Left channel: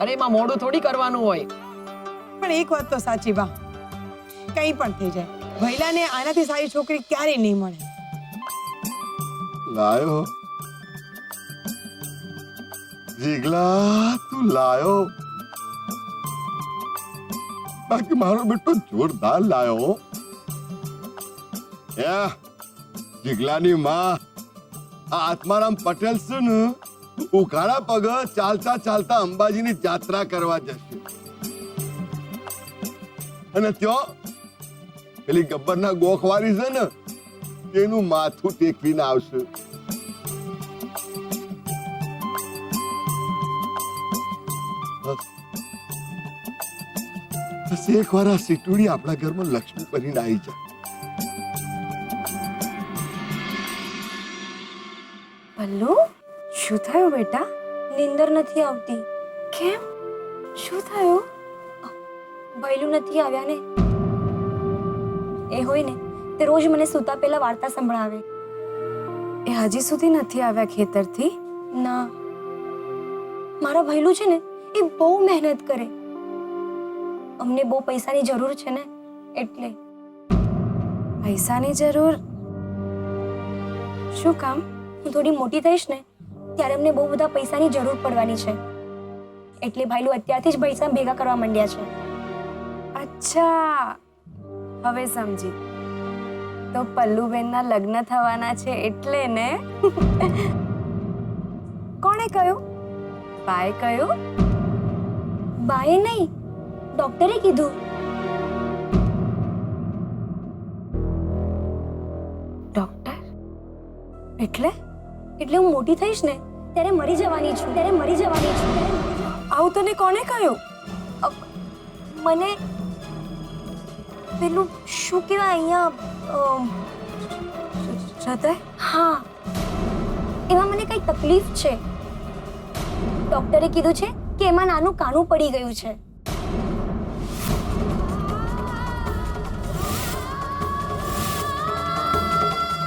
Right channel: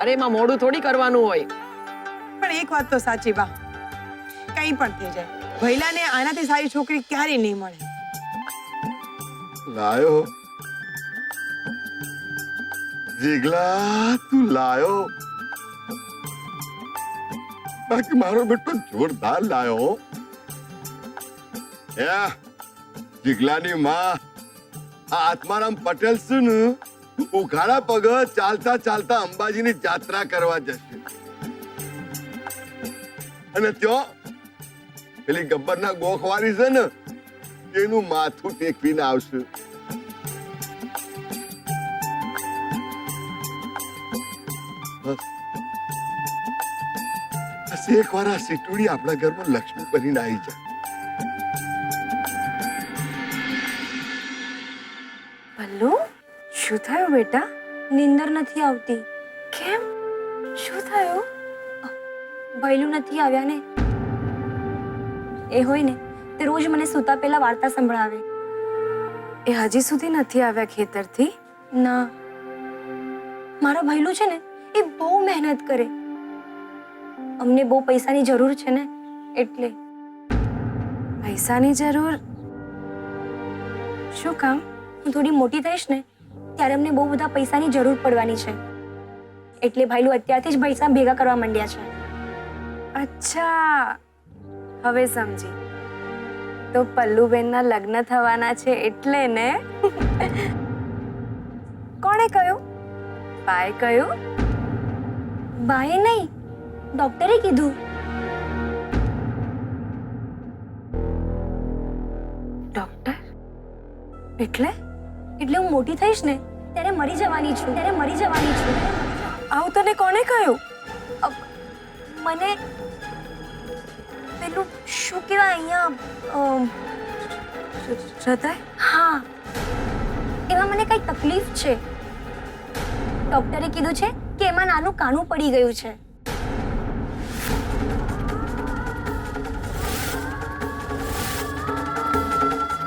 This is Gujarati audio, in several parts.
અરે એમાં મોડું થોડી કરવાનું હોય. પણ એક વાત તો સાચી બા, કંઈ પણ થઈ જાય, ભૈલાને આનાથી સારી છોકરી ક્યારેય નહીં મળે. લાયો જીગલા, તું લાયો. બાકી મારો બેટો જોરદાર લાયો. જીગલાની માં આ આત્મારામ પટેલ છે ને, ઉઘાડા પગ ચાલતા ચાલતા અંબાજીની જાત્રા કરવા જશે અને ત્યાં પેલી ગબ્બરના ગોખવારી છે ને તેનું માથું ટેકવીને આવશે. બસ એક વાર આ સીટુડી આપણા ઘરમાં લક્ષ્મી બનીને આવી જાય. પલ્લુ, શું થયું બેટા? નીંદર નથી આવતી. કેમ? શું થયું? ભૈલું નથી આવ્યા ને? એ હોય ને તે રોજ મને સૂતા પહેલા વાર્તા સંભળાવે. એ હજી સુધી નથી આવ્યા ખેતરથી? ના, મારા ભૈલું છે ને એ બહુ મહેનત કરે. અમને બહુ પૈસાની જરૂર છે ને એટલે. પૈસાની જરૂર? શું કામ? હું થોડી મોટી થઈશ ને ત્યારે અમને બહુ બધા પૈસાની જરૂર પડવાની છે, એટલે ભાઈલું અત્યારથી જ પૈસા ભેગા કરવા માંડ્યા છે. અચ્છા, હવે સમજી. તો પલ્લુબેનના લગ્ન થવાના છે એટલે ને? કોણે કહ્યું? બાએ કહ્યું? બાએ નહીં, ડોક્ટરે કીધું. ડોક્ટર? એટલે હું મોટી થઈશ ને ત્યારે મરી જવાની છું. આવું તને કોણે કહ્યું? મને પેલું શું કહેવાય અહીંયા હૃદય? હા, એમાં મને કઈ તકલીફ છે. ડોક્ટરે કીધું છે કે એમાં નાનું કાણું પડી ગયું છે.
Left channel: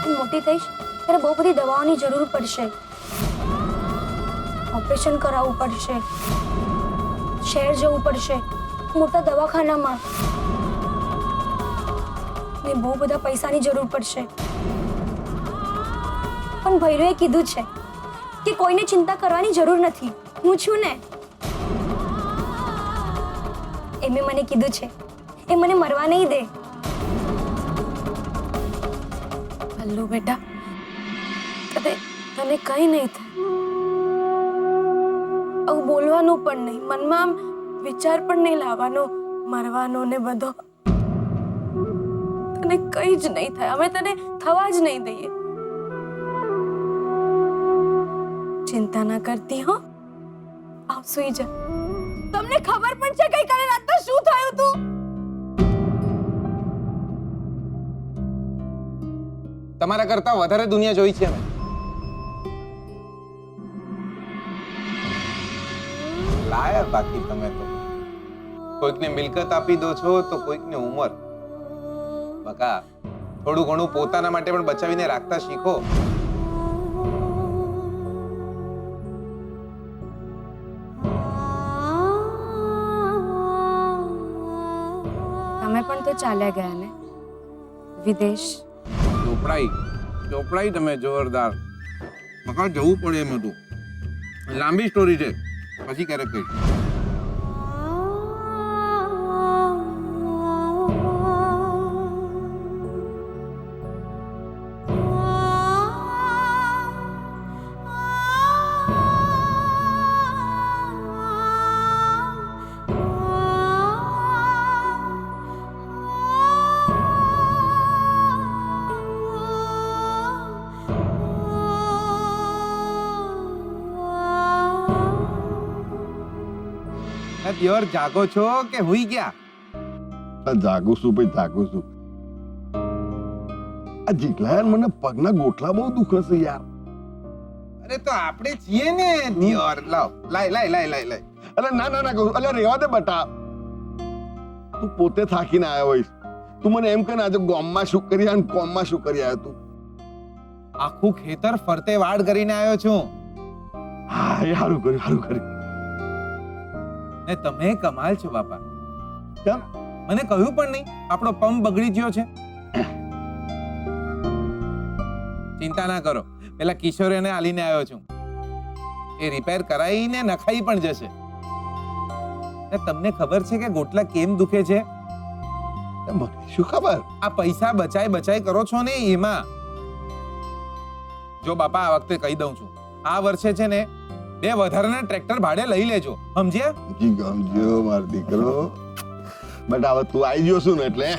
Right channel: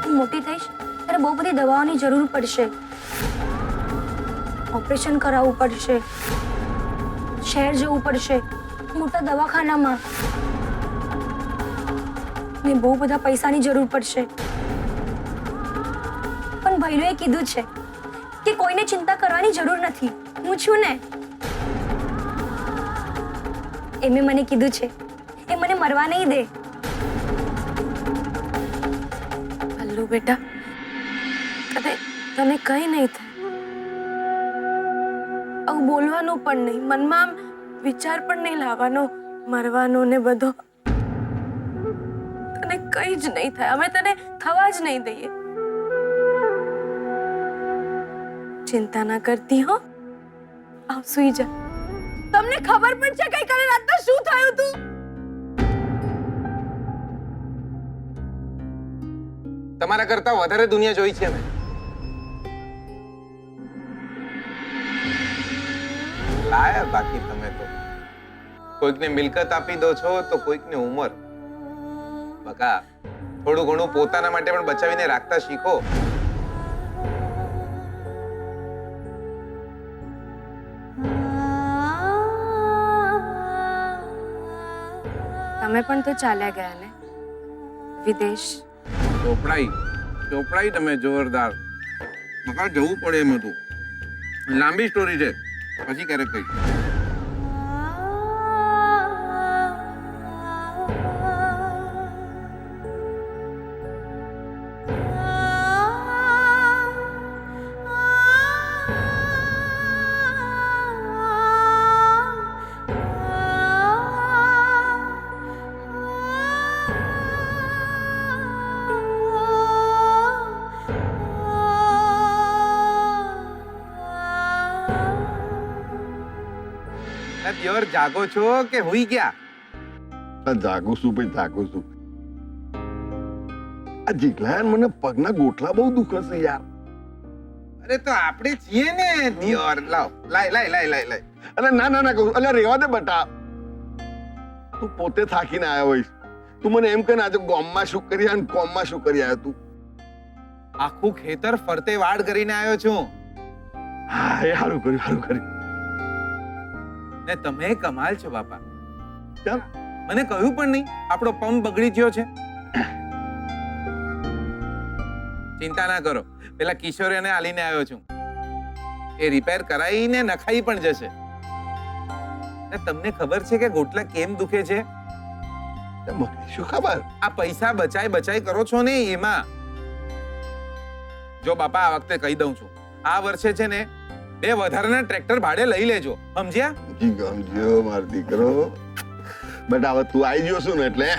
હું મોટી થઈશ ત્યારે બહુ બધી દવાઓની જરૂર પડશે. ઓપરેશન કરાવવું પડશે, શહેર જવું પડશે, મોટા દવાખાનામાં, ને બહુ બધા પૈસાની જરૂર પડશે. પણ ભૈલુએ કીધું છે કે કોઈને ચિંતા કરવાની જરૂર નથી, હું છું ને. એમે મને કીધું છે એ મને મરવા નહીં દે. પલ્લુ બેટા, તને કઈ નહીં થાય. આવું બોલવાનું પણ નહીં, મનમાં આમ વિચાર પણ નહીં લાવવાનો મરવાનો ને બધો. તને કઈ જ નહીં થાય, અમે તને થવા જ નહીં દઈએ. ચિંતા ના કરતી હો. આવ સુઈ જા. તમને ખબર પણ છે ગઈકાલે રાતના શું થયું તું? તમારા કરતા વધારે દુનિયા જોઈ છે મેં. લાયા બાકી તમે તો કોઈકને મિલકત આપી દો છો તો કોઈકને ઉંમર. બકા, થોડું ઘણું પોતાના માટે પણ બચાવીને રાખતા શીખો. તમે પણ તો ચાલ્યા ગયા ને વિદેશ. ચોપડાઈ તમે જોરદાર. બકા જવું પડે એમ હતું. લાંબી સ્ટોરી છે, પછી ક્યારેક કહીશ. દિયોર જાગો છો કે હુઈ ગયા? જાગું છું ભાઈ, જાગું છું. આ જીગલા મને પગના ગોઠલા બહુ દુખે છે યાર. અરે તો આપણે છીએ ને દિયોર. લાવ, લાય. અરે ના કહું. અરે રેવા દે બટા, તું પોતે થાકીને આવ્યો હોઈશ. તું મને એમ કે આજે ગામમાં શું કરી અને કોમમાં શું કરી આવ્યો તું? આખું ખેતર ફરતે વાડ કરીને આવ્યો છું. હા, એ સારું કર્યું. ને તમે કમાલ છો બાપા. કેમ? મને કહ્યું પણ નહીં આપણો પંપ બગડી ગયો છે. ચિંતા ના કરો, પેલા કિશોરીને આલીને આવ્યો છું. એ રિપેર કરાવીને નખાઈ પણ જશે. ને તમને ખબર છે કે ગોટલા કેમ દુખે છે? મને શું ખબર? આ પૈસા બચાય કરો છો ને એમાં. જો બાપા, આ વખતે કહી દઉં છું, આ વર્ષે છે ને 2 વધારાના ટ્રેક્ટર ભાડે લઈ લેજો, સમજ્યા? ગમજો મારો દીકરો. બટ હવે તું આવી ગયો છું ને એટલે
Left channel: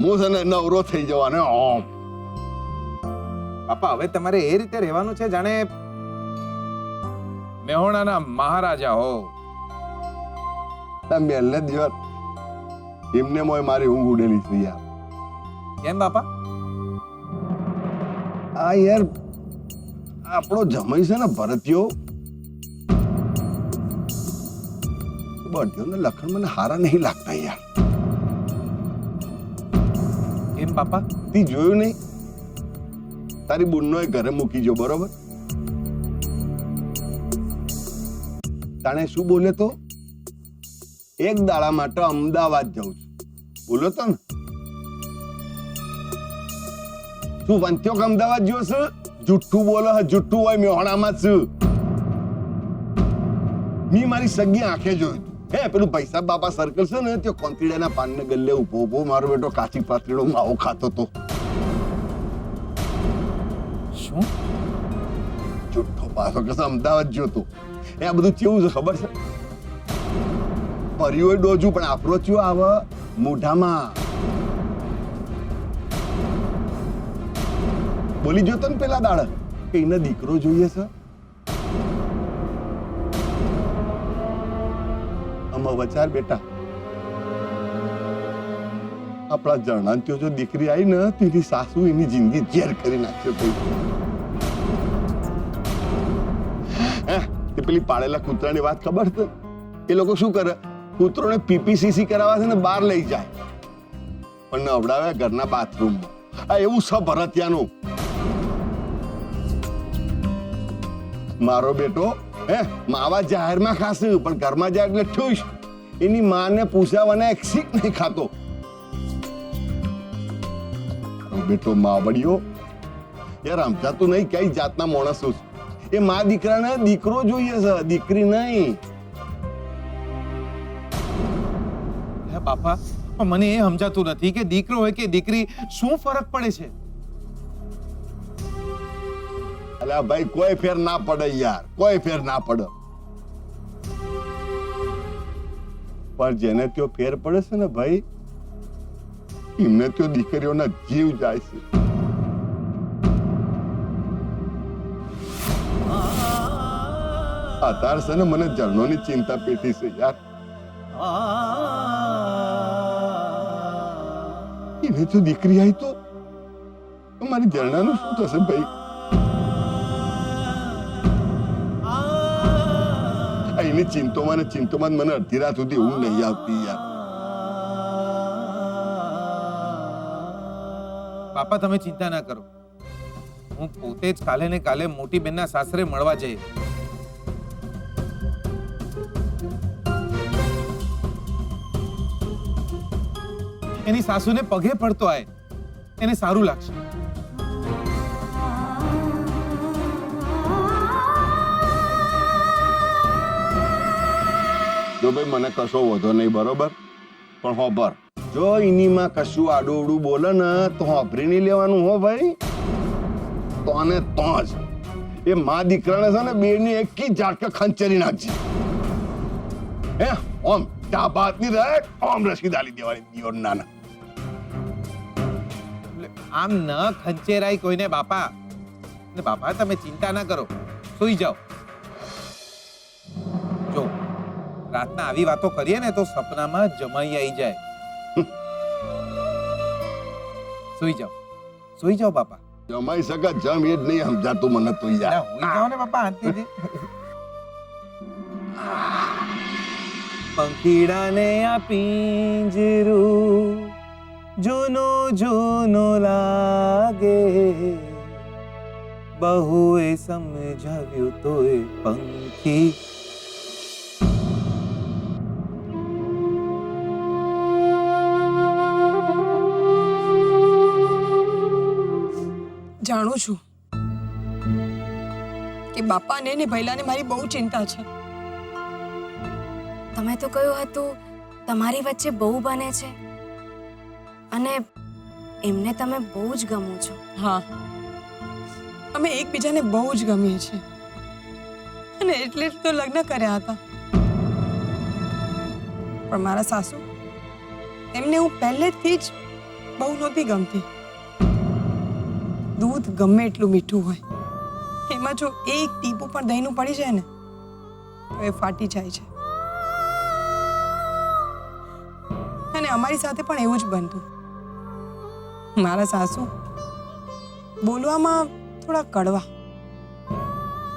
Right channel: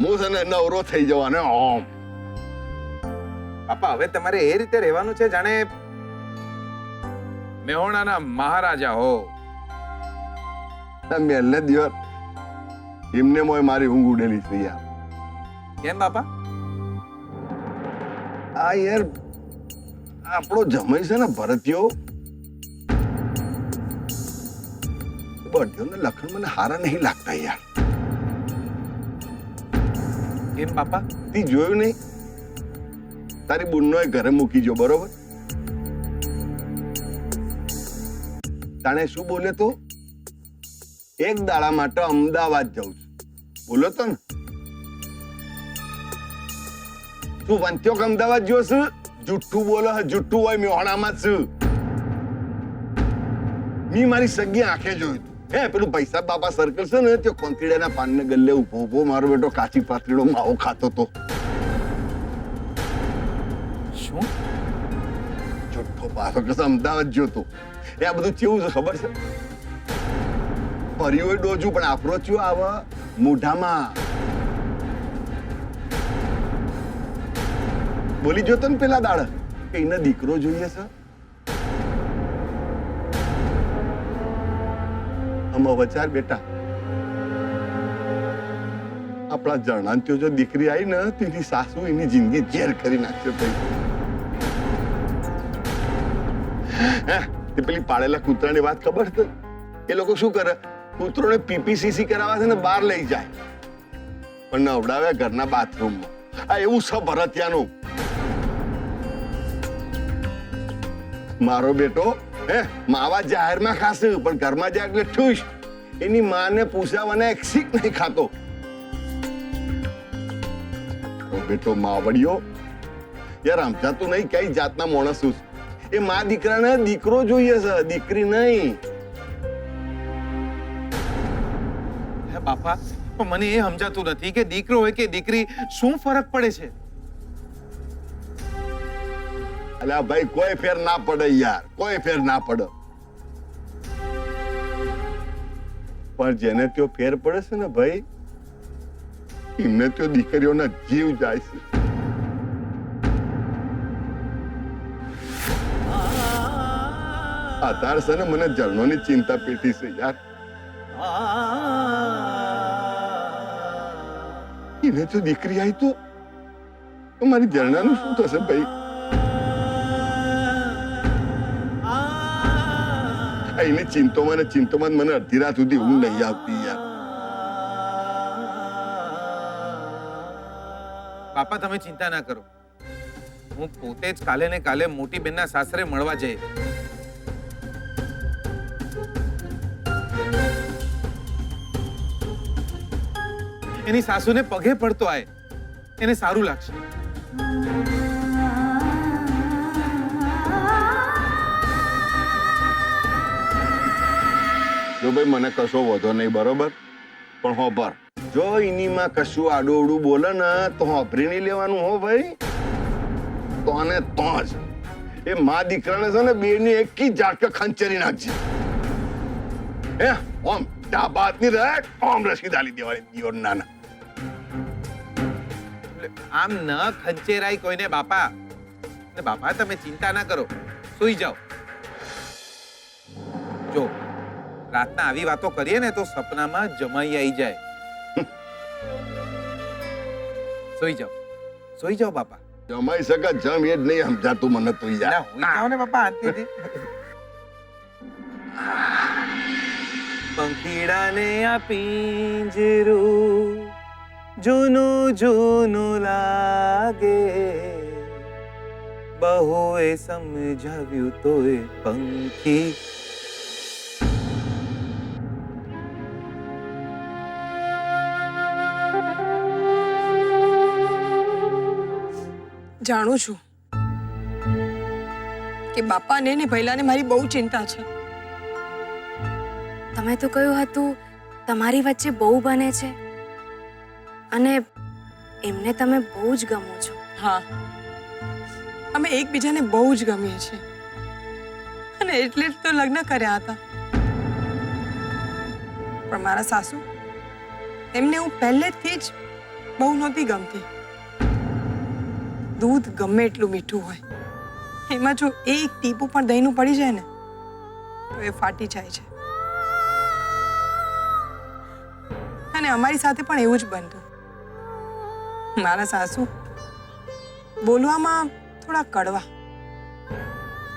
હું છે ને નવરો થઈ જવાનો. ઓમ બાપા, હવે તમારે એ રીતે રહેવાનું છે જાણે મેહોણાના મહારાજા હો. મેલને દિવસ એમને મોય મારી ઊંઘ ઉડેલી છે યાર. કેમ બાપા? આ યાર આપણો જમાઈ છે ને ભરતિયો, બધ્યોને લખણ મને હારા નહીં લાગતા યાર. કેમ બાપા? તી જોયું નહીં? તારી બુનનો ઘરે મૂકી જો, બરોબર? તાણે શું બોલે તો? એક દાડા માટે અમદાવાદ જાઉં છું બોલો તો ને. તું વંત્યો કે અમદાવાદ જો છું? જુઠ્ઠું બોલો, જુઠ્ઠું હોય મેહોણામાં છું. મી મારી સગી આંખે જોયું તું. હે પેલું પૈસા બાપા સર્કલ છે ને, ત્યાં કોંતીડાના પાનને ગલ્લે ઉભો મારો બેટો કાચી પાતળીનો માવો ખાતો તો. શું? જુઠ્ઠો પાછો કે અમદાવાદ જોતો. એ આ બધું કેવું છે ખબર છે? પરિયો ડોજું પણ આપણો ચિયો આવે મોઢામાં. બોલી જોતો ને પેલા દાડ કે એને દીકરો જોઈએ છે. આમાં વચાર બેટા, આપણા જણાંત્યો જો દીકરી આવી ને તેની સાસુ એની જિંદગી ઝેર કરી નાખશે. તે પેલી પાળેલા કૂતરાની વાત ખબર છે? એ લોકો શું કરે? કૂતરોને પીપીસીસી કરાવવા છે ને બહાર લઈ જાય, પણ નવડાવે ઘરના બાથરૂમમાં. આ એવું છે ભરતિયાનું. મારો બેટો માવા જાહેરમાં ખાશે પણ ઘરમાં જાય એટલે ઠુશ. એની માને પૂછાવાના એક શીખ નહીં ખાતો. મારો બેટો માવડિયો યાર સમજાતું નહીં કઈ જાતના માણસ છું. એ મા દીકરાને દીકરો જોઈએ છે, દીકરી નહીં. હે બાપા, પણ મને એ સમજાતું નથી કે દીકરો હોય કે દીકરી શું ફરક પડે છે? અલ્યા ભાઈ, કોઈ ફેર ના પડે યાર, કોઈ ફેર ના પડે. પણ જેને ત્યો ફેર પડે છે ને ભાઈ, એમને ત્યો દીકરીઓના જીવ જાય છે. અત્યારે છે ને મને જળનોની ચિંતા પેટી છે યાર. એને જો દીકરી આવી તો મારી જરણાનું શું થશે ભાઈ? એની ચિંતોમાં મને અડધી રાત સુધી ઊંઘ નહીં આવતી યાર. બાપા, તમે ચિંતા ના કરો. હું પોતે જ કાલે ને કાલે મોટી બેનના સાસરે મળવા જઈ. એની સાસુને પગે પડતો આય, એને સારું લાગશે. જો ભાઈ મને કશો વધો નહીં, બરોબર? પણ હોબર, જો એનીમાં કશું આડું બોલે ને તો હોભરી નહીં લેવાનું હો ભાઈ. તો આને તો જ એ મા દીકરાને છે ને બેની એક ઝાટકે ખંચેરી નાખજે. હે ઓમ ડાબાતની રહે, ઓમ રસીદ આલી દેવાની દિયોર નાના. આમ ન ખંચેરાય કોઈને બાપા. ને બાપા, તમે ચિંતા ના કરો, સૂઈ જાઓ. જો રાતના આવી વાતો કરીએ ને તો સપનામાં જમાઈ આવી જાય. સૂઈ જાઓ બાપા. જમાઈ શકે જમ એ જ નહીં સમજાતું મને તો યાર. હુઈ જાઓ ને બાપા, શાંતિથી. પંખીડાને આ પિંજરું જૂનું જૂનું લાગે, બહુએ સમજાવ્યું તોય પંખી જાણું છું કે બાપાને ને ભૈલાને મારી બહુ ચિંતા છે. તમે તો કહ્યું હતું તમારી વચ્ચે બહુ બને છે અને એમને તમે બહુ જ ગમો છો. હા, અમે એકબીજાને બહુ જ ગમીએ છીએ અને એટલે જ તો લગ્ન કર્યા હતા. પણ મારા સાસુ, એમને હું પહેલેથી જ બહુ નહોતી ગમતી. દૂધ ગમે એટલું મીઠું હોય, એમાં જો એક ટીપું પણ દહીંનું પડી જાય ને તો એ ફાટી જાય છે. અને અમારી સાથે પણ એવું જ બનતું. મારા સાસુ બોલવામાં થોડા કડવા,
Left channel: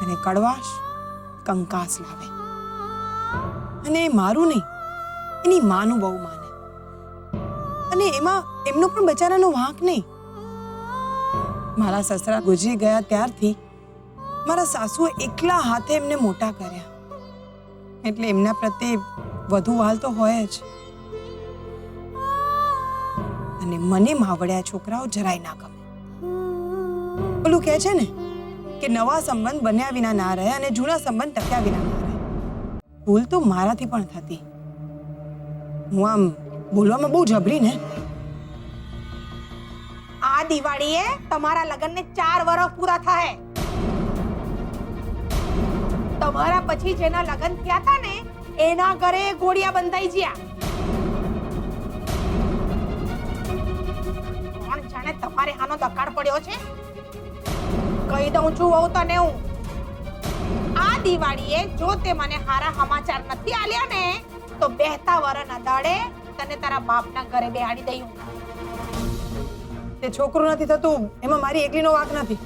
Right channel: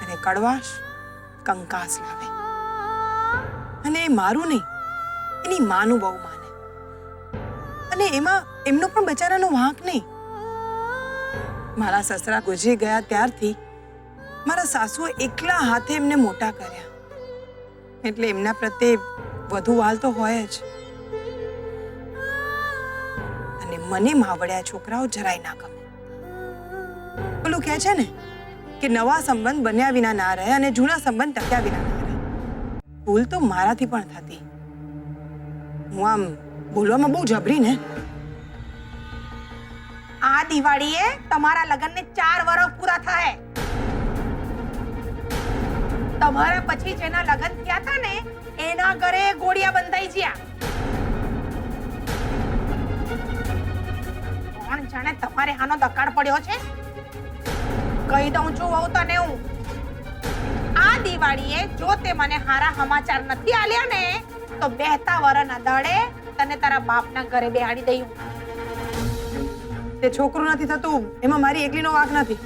અને કડવાશ કંકાસ લાવે. અને એ મારું નહીં, એની માનું બહુ માને. અને એમાં એમનો પણ બચારાનો વાંક નહીં. મારા સસરા ગુજરી ગયા ત્યારથી મારા સાસુએ એકલા હાથે એમને મોટા કર્યા, એટલે એમના પ્રત્યે વધુ વાલ તો હોય જ. અને મને માવડ્યા છોકરાઓ જરાય ના ગમે. ઓલું કહે છે ને કે નવા સંબંધ બન્યા વિના ના રહે અને જૂના સંબંધ ટક્યા વિના ના રહે. ભૂલ તો મારાથી પણ થતી. હું આમ બોલવામાં બહુ જબરી ને. આ દિવાળીએ તમારા લગ્નને 4 વર્ષ પૂરા થાય. તમારા પછી જેના લગ્ન થયા હતા ને એના ઘરે ગોળિયા બંધાઈ ગયા. કોણ જાણે તમારે આનો દકાળ પડ્યો છે. કહી દઉં છું વહુ તને હું, આ દિવાળીએ જો તે મને હારા સમાચાર નથી આલ્યા ને તો બેહતા વરના દાડે તને તારા બાપના ઘરે બેહાડી દઈ. તે છોકરું નથી થતું એમાં મારી એકલીનો વાંક નથી.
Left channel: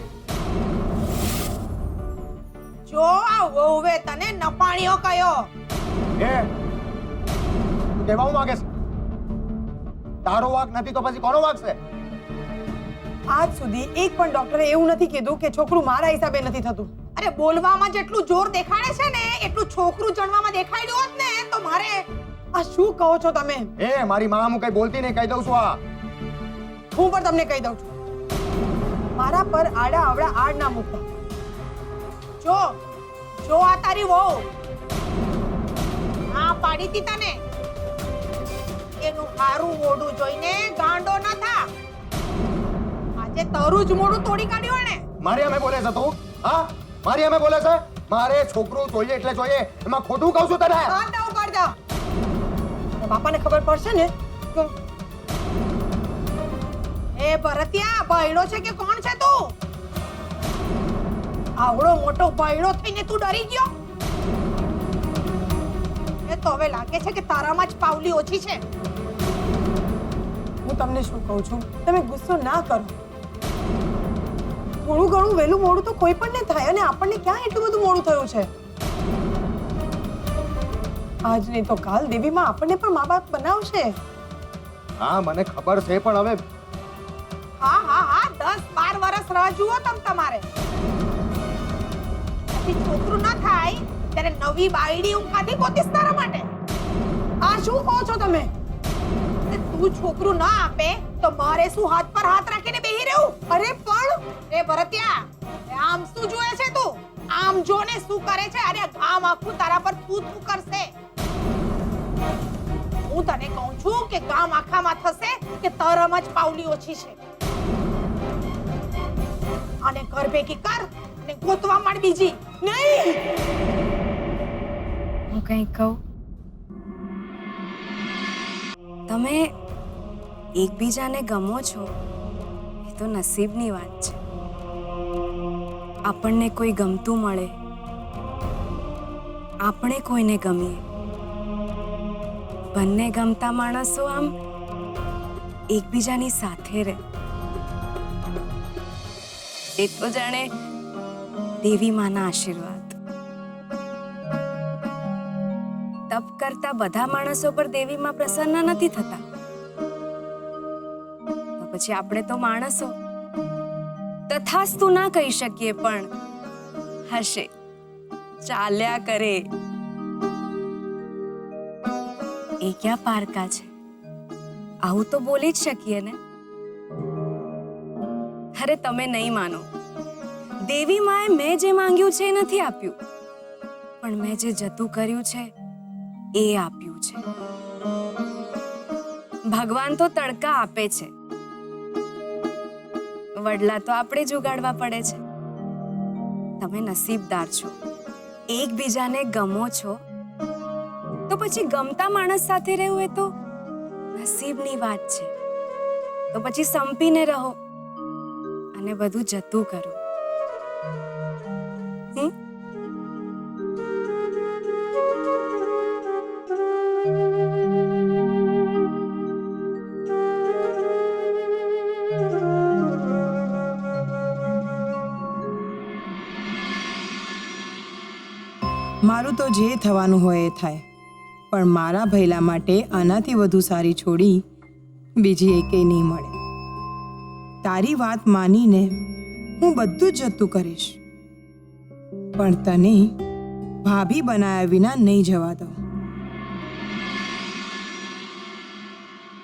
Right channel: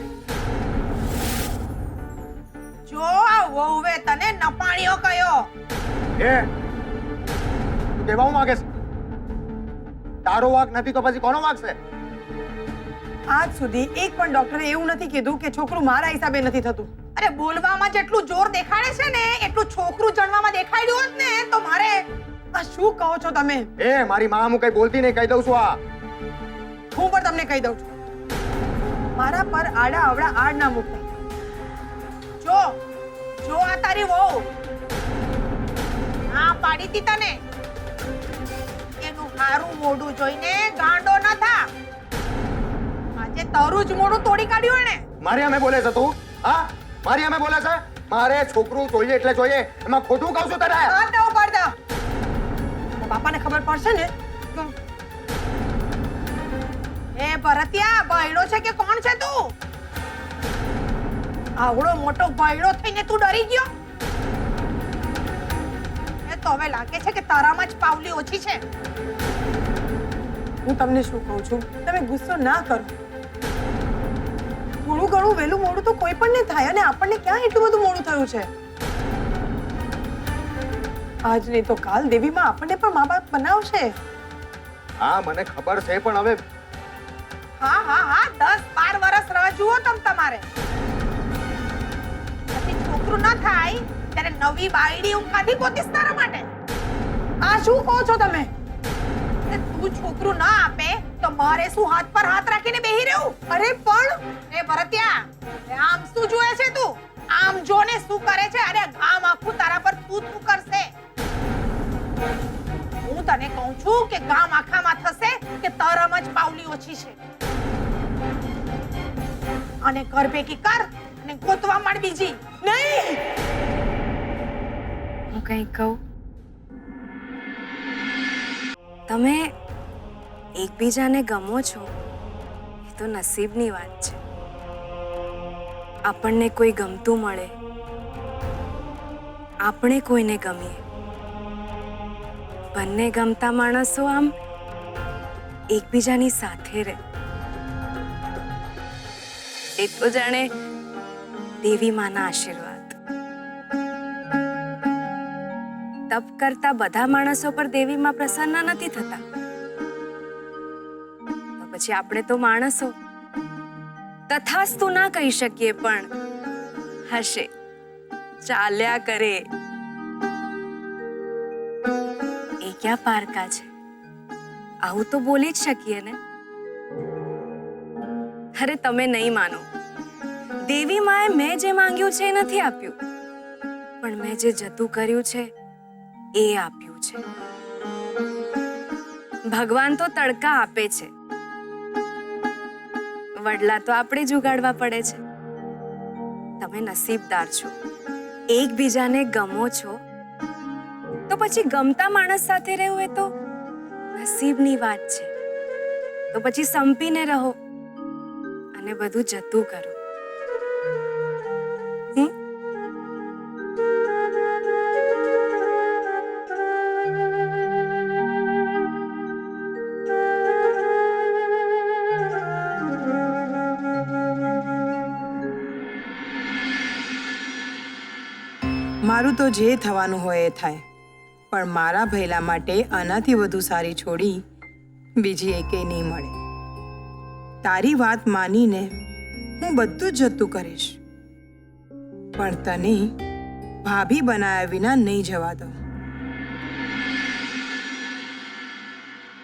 જો આ વહુએ તને નપાણીઓ કયો. એ તું કહેવા હું માંગે છે? તારો વાંક નથી તો પછી કોનો વાંક છે? આજ સુધી એક પણ ડોક્ટરે એવું નથી કીધું કે છોકરું મારા હિસાબે નથી થતું. અરે બોલવામાં જેટલું જોર દેખાડે છે ને એટલું છોકરું જણવામાં દેખાડ્યું હોત ને તો મારે. આ શું કહો છો તમે? એ મારી માં હું કઈ બોલતી નહીં, કહી દઉં છું. આ હું પણ તમને કહી દઉં છું, મારા પર આડા અવડા આડ ના મૂકતા. જો જો આ તારી વહુ હા પાડી તી તને. એનું હારું મોઢું જોઈને ગાંડો ન થા. આજે તારું જ મોઢું તોડી કાઢ્યું ને. મારી અમે બોલે છે તું? હા, મારી અમે બોલે છે? મારે છોકરું જોઈએ એટલે જોઈએ, એમાં ખોટું કહું છું તને? હાથ ના ઉપાડતા. બાપાને ખબર પડશે ને તો. એ ભરતિયા બૈડો છે કે કોણ છે તું? આવડો મોટો બૈડો થઈને તું ડરી ગયો? એ તો હવે લાગે છે કે તારામાં જ પાવલી ઓછી છે. હું તમને શું કહું છું, તમે ગુસ્સો ના કરો. થોડું ઘણું વહેલું મોડું તો કોઈ પણ ને થાય, અને આપણને ક્યાં એટલું બધું મોડું થયું છે. આજ નહીં તો કાલ દેવીમાં આપણને પણ મા બાપ બનાવશે. હા મને ખબર છે, પણ હવે હા હા હા 10-12 વર્ષ રાહ જુઓ તમારે. પછી છોકરું ન થાય ત્યારે નવી બાયડી હું કાઢી ગોતીશ તારા માટે. આ શું કહો છો તમે? તું છોકરું ના આપે તો મારે શું હાથ પર હાથ રાખીને બેહી રહેવું? અરે પણ રે ભરતિયા, આમ શું જોયે છે તું? આમ જોને શું કરે છે? અરે ગામ આખું તારા પર થૂ થૂ કરશે. હું તને કહું છું કે ગામ આખામાં થશે કે તારામાં જ પાવલી ઓછી છે. અને કર ભેગી કર અને ગોતવા માંડ બીજી. નહીં. હું કંઈ કહું? તમે એકબીજાને ગમો છો એ તો નસીબની વાત છે. આપણને કોઈ ગમતું મળે, આપણે કોઈને ગમીએ. બંને ગમતા માણસો આમ એકબીજાની સાથે રહે એ તો જાણે દેવી માના આશીર્વાદ. તપ કરતા બધા માણસો પર દેવી માં પ્રસન્ન નથી થતા, તો પછી આપણે તો માણસો તથાસ્તુ ના કહી શકીએ, પણ હશે, ચાલ્યા કરે. એ ક્યાં પારકા છે? આવું તો બોલી જ શકીએ ને. અરે તમે નહીં માનો, દેવી માએ મેં જે માંગ્યું છે એ નથી આપ્યું, પણ મેં જે જતું કર્યું છે એ આપ્યું છે. ભગવાન તો તડકા આપે છે, વડલા તો આપણે જ ઉગાડવા પડે છે. તમે નસીબદાર છો, એકબીજાને ગમો છો, તો પછી ગમતા માણસ સાથે રહેવું એ તો નસીબની વાત છે. તો પછી સંપીને રહો અને બધું જતું કરો. મારું તો જે થવાનું હોય એ થાય, પણ મારા ભૈલા માટે આનાથી વધુ સારી છોડી બીજી એકેય નહીં મળે. તારી વાત માનીને હું બધું જ જતું કરીશ, પણ તને ભાભી બનાવ્યા વિના નહીં જવા દઉં.